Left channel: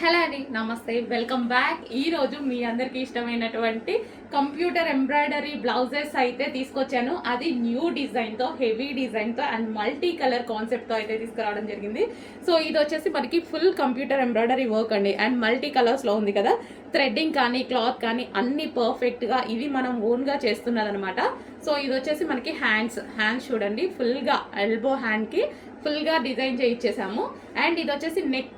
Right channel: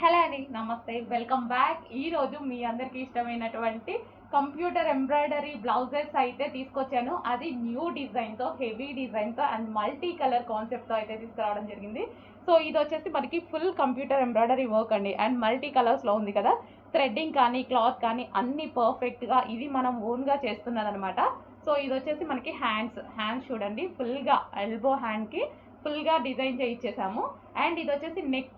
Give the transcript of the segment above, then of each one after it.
Hello అండి, నమస్తే, welcome back. ఈరోజు మీ అందరికీ ఇష్టమైనటువంటి కంప్యూటర్ ఎంబ్రాయిడరీ బ్లౌజెస్ అయితే తీసుకొచ్చాను. అది న్యూ డిజైన్తో, హెవీ డిజైన్తో అండ్ మల్టీ కలర్ కాన్సెప్ట్తో అయితే తీసుకురావడం జరిగింది. సో ఇది వచ్చేసి మనకి ఫుల్ కంప్యూటర్ ఎంబ్రాయిడరీ వర్క్ అండి, అండ్ మల్టీ కలర్స్లో ఉంది కదా. థ్రెడ్డింగ్ కానీ క్లాత్ కానీ అన్నీ పర్ఫెక్ట్గా ఇవి మనం ఓన్గా చేస్తున్నదనమాట. సో ఇది వచ్చేసి మనకి హ్యాండ్స్ చూడండి, ఫుల్గా ఎల్బో హ్యాండ్కి ఫుల్గా డిజైన్ చేయించేసాము. అండ్ ఇది వచ్చేసి నెక్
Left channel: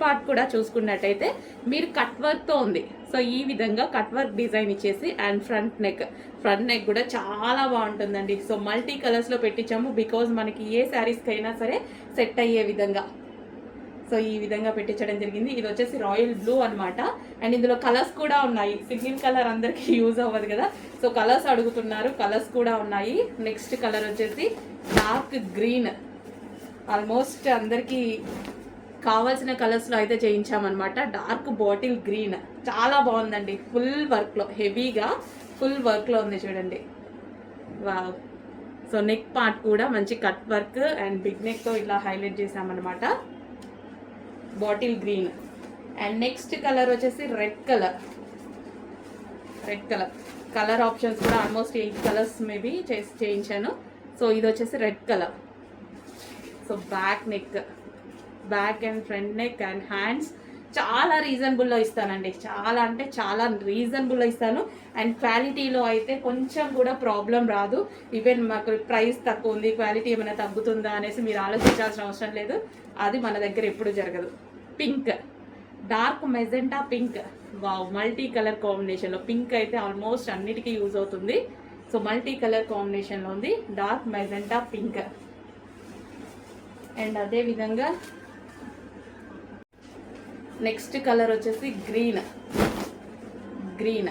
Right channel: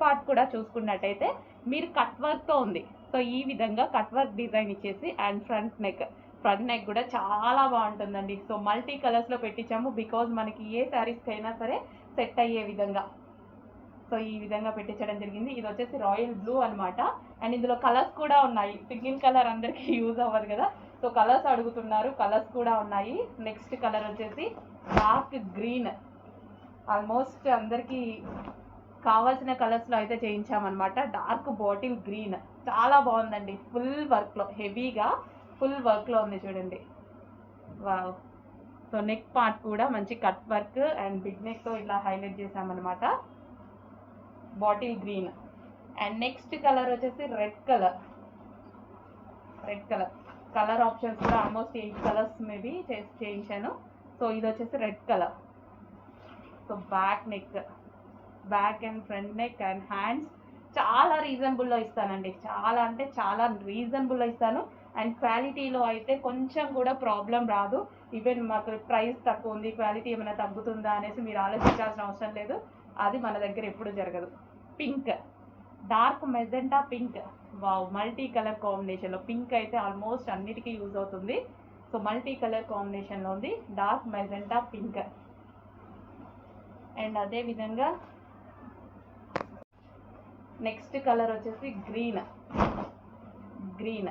పార్ట్ కూడా చూసుకున్నట్టయితే మీరు కట్ వర్క్తో ఉంది. సో ఈ విధంగా కట్ వర్క్ డిజైన్ ఇచ్చేసి అండ్ ఫ్రంట్ నెక్ కూడా చాలా బాగుంటుందండి. సో మల్టీ కలర్స్లో పెట్టించాము, బికాజ్ మనకి ఏ శారీస్కి అయినా సరే సెట్ అయ్యే విధంగా. సో ఈ విధంగా పెట్టించడం జరిగింది. ఇది వచ్చేసి రాయల్ బ్లూ అనమాట. అండ్ ఇందులో కలర్స్ కూడా ఉన్నాయి. సింగిల్ కలర్ అందరికీ యూజ్ అవ్వదు కదా, సో కలర్స్ అడుగుతున్నారు, కలర్స్ కూడా ఉన్నాయి. నెక్స్ట్ కలర్ వచ్చేసి డార్క్ గ్రీన్. ఆల్మోస్ట్ అందరికీ కావాల్సిన కలర్స్లో అయితే చేయించామన్నమాట. డార్క్ బాటిల్ గ్రీన్ చాలా బాగుందండి. ఫుల్ వర్క్లో, హెవీగా ఫుల్ వర్క్లో ఉంది చూడండి. వావ్. సో నెక్ పార్ట్ కూడా మంచి కట్ వర్క్ అండ్ బిగ్ నెక్తో ఇలా హైలైట్ చేసామన్నమాట. Bottle green. And next colour వచ్చేసి రెడ్ కలర్. కలర్ ఆప్షన్స్ కూడా ఆల్మోస్ట్ 8 కలర్స్ మేబీ చేయించాను. సో ఇది వచ్చేసి red colour. So back and front neck and hands చాలా రీజనబుల్లో ఇస్తానండి. చాలా అంటే చాలా రీజనబుల్లో ఇస్తాను. అండ్ క్వాలిటీలో అయితే కొంచెం కూడా ప్రాబ్లం రాదు. ఈవెన్ మాకు ప్రైస్ తక్కువ ఉంది, క్వాలిటీ ఏమైనా తగ్గుతుందా అనేసి మీరు ఆలోచించాల్సిన అవసరం లేదు. అది మన దగ్గర ఎప్పుడు జరగదు. Pink, dark magenta pink. Wow, multi colour కాంబినేషన్లో పింక్ అయితే ఆల్మోస్ట్ అన్నిటికీ యూజ్ అవుతుంది. సో మల్టీ కలర్ కాంబినేషన్లో ఉంది డార్క్ మెజెంటా పింక్. అండ్ అదే విధంగా నెక్స్ట్ కలర్ వచ్చేసి గ్రీన్.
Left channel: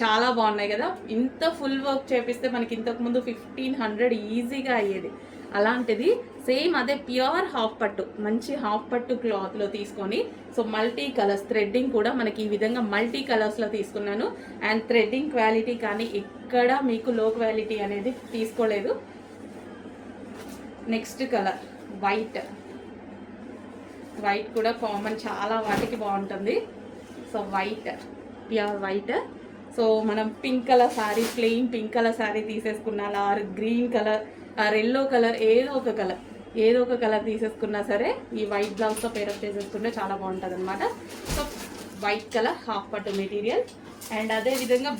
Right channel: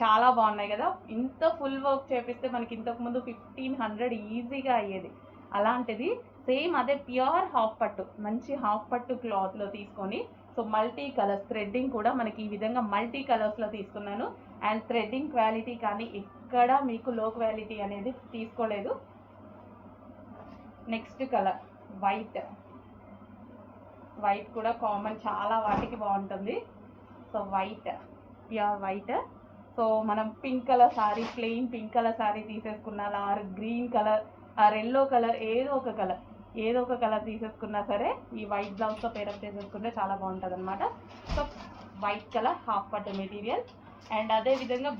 చాలా బాగున్నాయి కదా. ఇంత ఫుల్ వర్క్ చేపిస్తే మనకి ఇంతకుముందు 1500 ఈజీగా అయ్యేది. అలాంటిది సేమ్ అదే ప్యూర్ హాఫ్ పట్టు, మంచి హాఫ్ పట్టు క్లాత్లో తీసుకొని, సో మల్టీ కలర్స్ థ్రెడ్డింగ్ కూడా మనకి ఈ విధంగా మల్టీ కలర్స్లో తీసుకున్నాను. అండ్ థ్రెడ్డింగ్ క్వాలిటీ కానీ ఎక్కడ మీకు లో క్వాలిటీ అనేది తీసుకోలేదు. నెక్స్ట్ కలర్ వైట్ కూడా కామన్, చాలా వాటికి బాగుంటుంది. So pure white. సో మనం pink colour sari, plain pink colour sari తీసేసుకున్నా, or green colour or yellow colour, ఏదో ఒక కలర్ తీసేసుకున్నా సరే ఈ వైట్ బ్లౌజ్తో పేరప్ చేసేసుకుంటే చాలా బాగుంటుంది అనమాట. సో వైట్ కలర్ హాఫ్ పట్టు మెటీరియల్. అండ్ అదేవిధంగా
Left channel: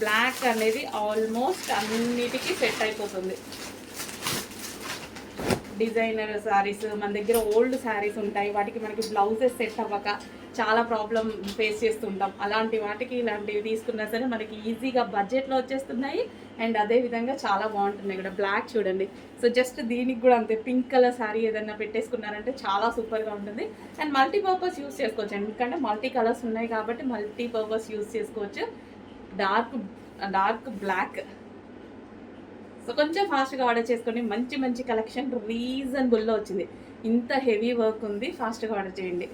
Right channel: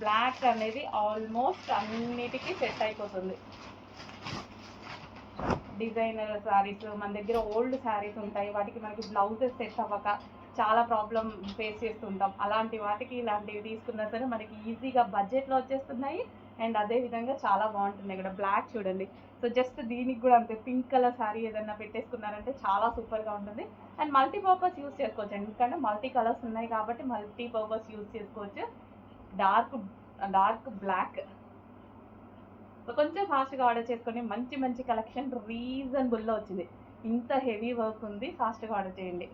బ్లాక్ అనేది ఆల్మోస్ట్ అన్నిటికీ సెట్ అయిపోతుంది. డిజైనర్ శారీస్ మన దగ్గర ఓల్డ్ శారీస్ ఉంటాయి, వాటికి మనకి బ్లౌజెస్ సెట్ అవ్వక చాలా ప్రాబ్లం ఫేస్ చేస్తుంటాం. అలాంటి వాటికి ఇలాంటివి తీసుకున్నా సరే మనకి ఈజీగా బడ్జెట్లో వచ్చేస్తున్నాయి. అండ్ అదేవిధంగా చాలా బాగుంటున్నాయి కూడా. బ్లాక్ చూడండి. సో జస్ట్ దీనికి కూడా అంతే, పింక్ కలర్ శారీ ఏదైనా పెట్టేసుకున్నారంటే చాలా సూపర్గా ఉంటుంది. అండ్ మల్టీపర్పస్ యూస్ చేసుకోవచ్చు, ఎందుకంటే మల్టీ కలర్స్ ఉన్నాయి కాబట్టి మల్టీపర్పస్ యూస్ చేసుకోవచ్చు. Dark black. సో కొంచెం ఫాస్ట్గా ఆర్డర్ చేసుకోండి. మంచి కలెక్షన్ రీజనబుల్లో వచ్చింది. ఇంత హెవీ వర్క్ ఉంది, ఫాస్ట్గా ఆర్డర్ చేయండి.